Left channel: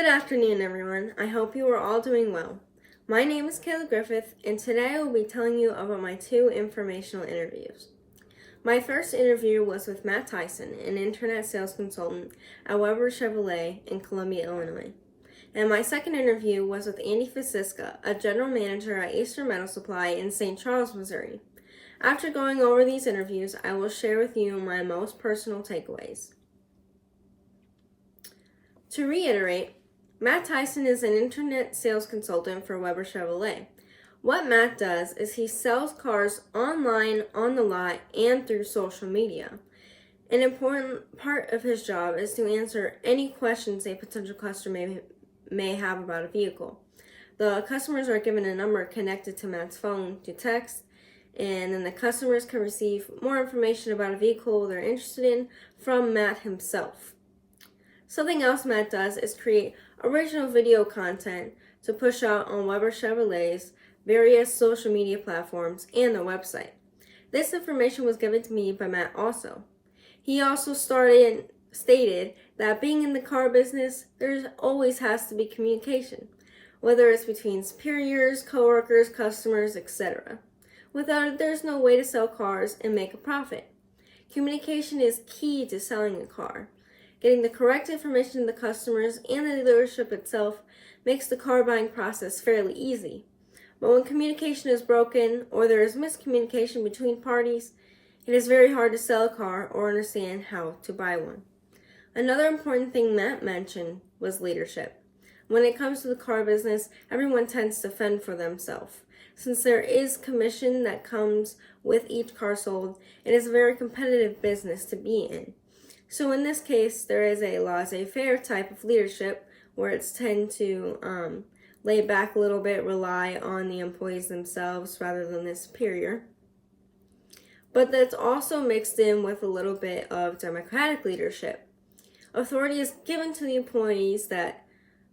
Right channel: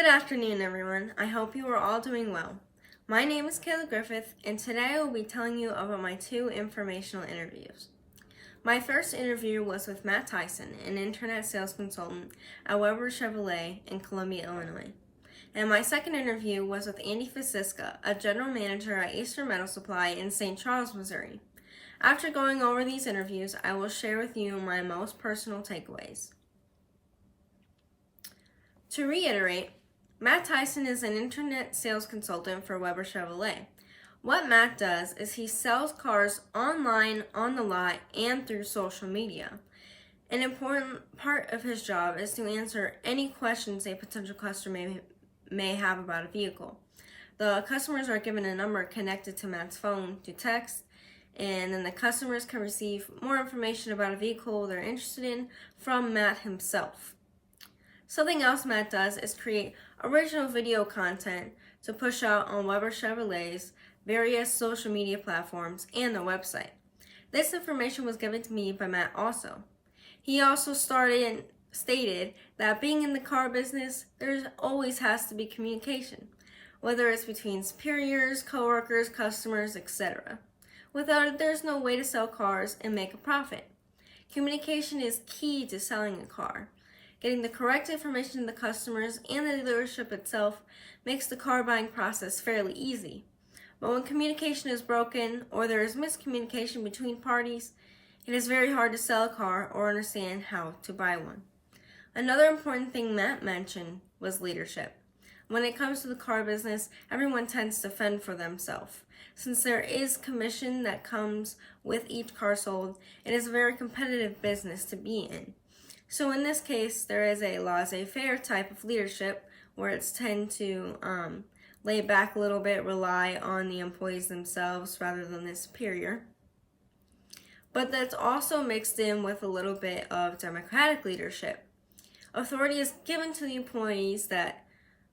Good afternoon, everyone. I hope you are all doing well. My name is Kayla Griffith, and today I will be telling you about my two informational interviews. My first interview was with Matt Tyson, an internet sales consultant at Weber Chevrolet in Columbia, Illinois. And my second interview was with Andy Fasiska, a general manager at Eastern Metal Supply in St. Charles, Missouri. After going over these interviews, I will share with you my most personal takeaways. To reiterate, Matt Tyson is an internet sales consultant for Weber Chevrolet. What Matt does is he sells cars online, on the lot, and through social media. An important part of his job is to answer any questions a potential customer may have about a vehicle. The customers are given a number connected to Matt's phone to text, and then the customers can receive more information about a vehicle they're interested in from Matt himself. Something else Matt does is create original video content to push out on Weber Chevrolet's various social media platforms and their website. This information was given to me by Matt also. He also stated that being in the car business, there always has to be communication, whether it's between superiors, coworkers, customers, etc. Without it, there's no way to sell cars and make a profit. Communication is key to selling a car. Getting the correct information to the customers and the dealership itself makes the car buying process fairly easy. But when communication is broken or there is miscommunication between parties, it is very hard to sell a car or understand how to buy one. Another important thing Matt mentioned was leadership. When it comes to the car business, everyone tends to fend for themselves. Since there is commission that comes with each car sold, it is a very competitive business to be in. So in this case, there is a laissez-faire type of leadership where it's tend to lay back a little bit, rely on the employees themselves rather than the superior. But that's also mixed in with a little bit of democratic leadership. Authority is given to the employees that,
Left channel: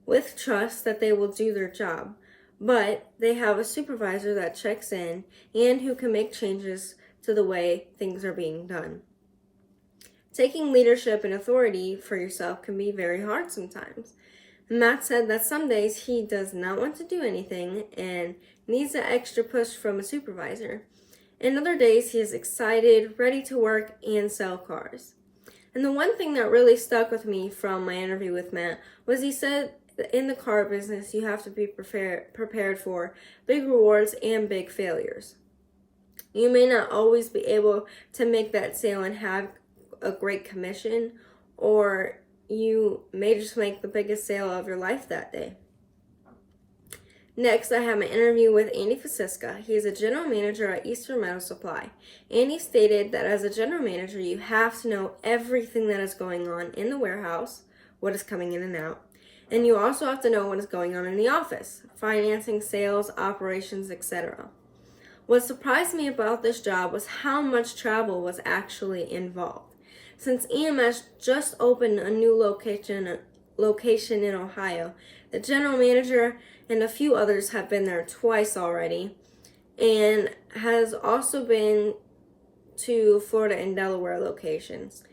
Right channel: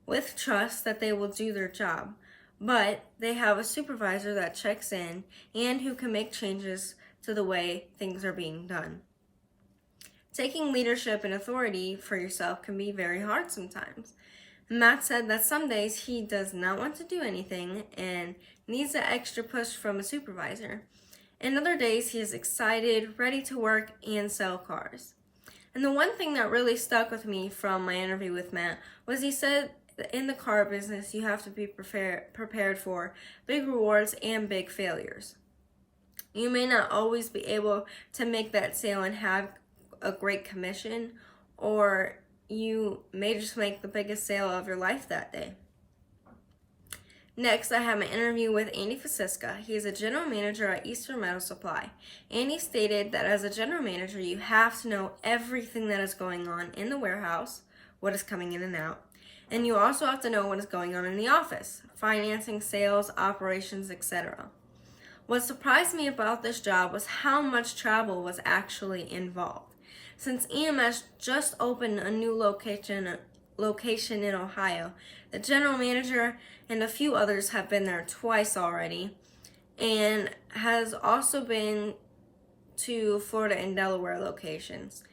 with trust, that they will do their job, but they have a supervisor that checks in and who can make changes to the way things are being done. Taking leadership and authority for yourself can be very hard sometimes. Matt said that some days he does not want to do anything and needs an extra push from a supervisor. And other days he is excited, ready to work and sell cars. And the one thing that really stuck with me from my interview with Matt was he said that in the car business you have to be prepared for big rewards and big failures. You may not always be able to make that sale and have a great commission, or you may just make the biggest sale of your life that day. Next, I have an interview with Andy Fasiska. He is a general manager at Eastern Metal Supply. Andy stated that as a general manager, you have to know everything that is going on in the warehouse, what is coming in and out, and you also have to know what is going on in the office, financing, sales, operations, etc. What surprised me about this job was how much travel was actually involved. Since EMS just opened a new location in Ohio, the general manager and a few others have been there twice already, and has also been to Florida and Delaware locations.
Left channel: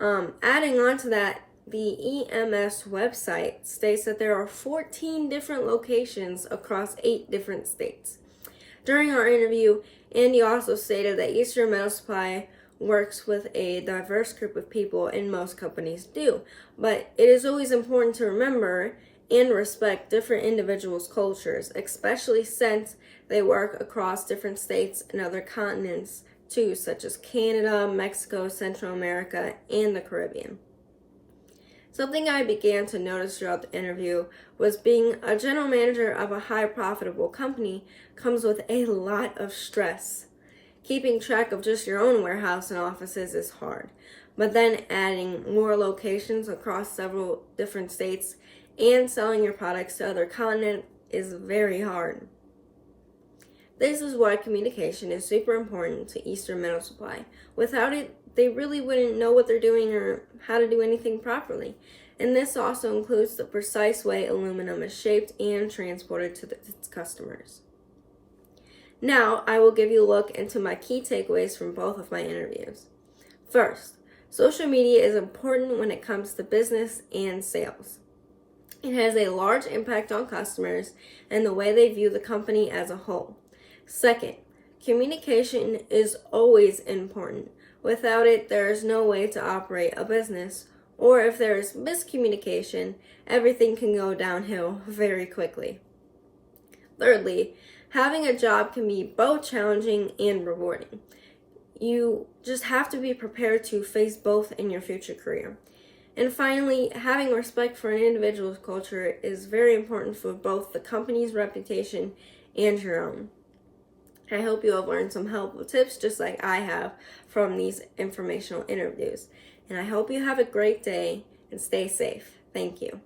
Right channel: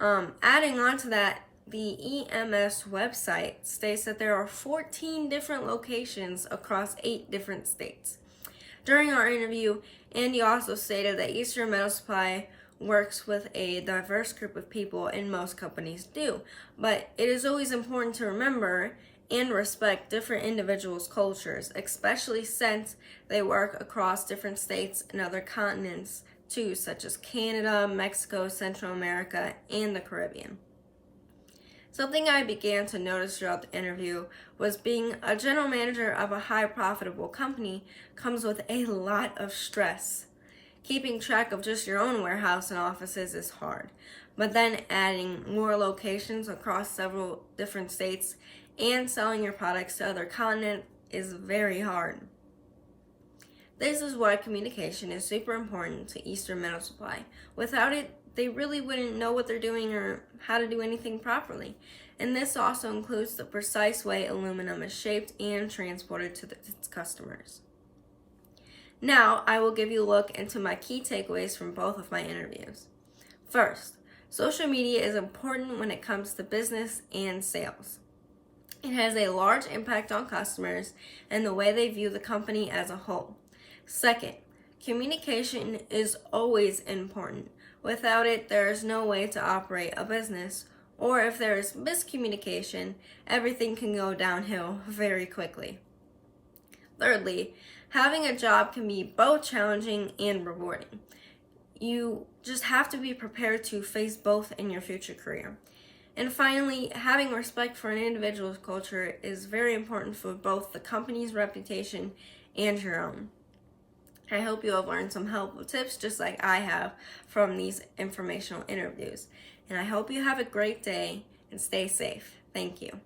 Adding on to that, the EMS website states that there are 14 different locations across 8 different states. During our interview, Andy also stated that Eastern Metal Supply works with a diverse group of people, and most companies do. But it is always important to remember and respect different individuals' cultures, especially since they work across different states and other continents too, such as Canada, Mexico, Central America, and the Caribbean. Something I began to notice throughout the interview was being a general manager of a high profitable company comes with a lot of stress. Keeping track of just your own warehouse and offices is hard, but then adding more locations across several different states and selling your products to other continents is very hard. This is why communication is super important to Eastern Metal Supply. Without it, they really wouldn't know what they're doing or how to do anything properly. And this also includes the precise way aluminum is shaped and transported to its customers. Now, I will give you a look into my key takeaways from both of my interviews. First, social media is important when it comes to business and sales. It has a large impact on customers and the way they view the company as a whole. Second, communication is always important. Without it, there is no way to operate a business, or if there is miscommunication, everything can go downhill very quickly. Thirdly, having a job can be both challenging and rewarding. You just have to be prepared to face both in your future career. And finally, having respect for an individual's culture is very important for both the company's reputation and your own. I hope you have learned some helpful tips just like I have from these informational interviews. And I hope you have a great day and stay safe. Thank you.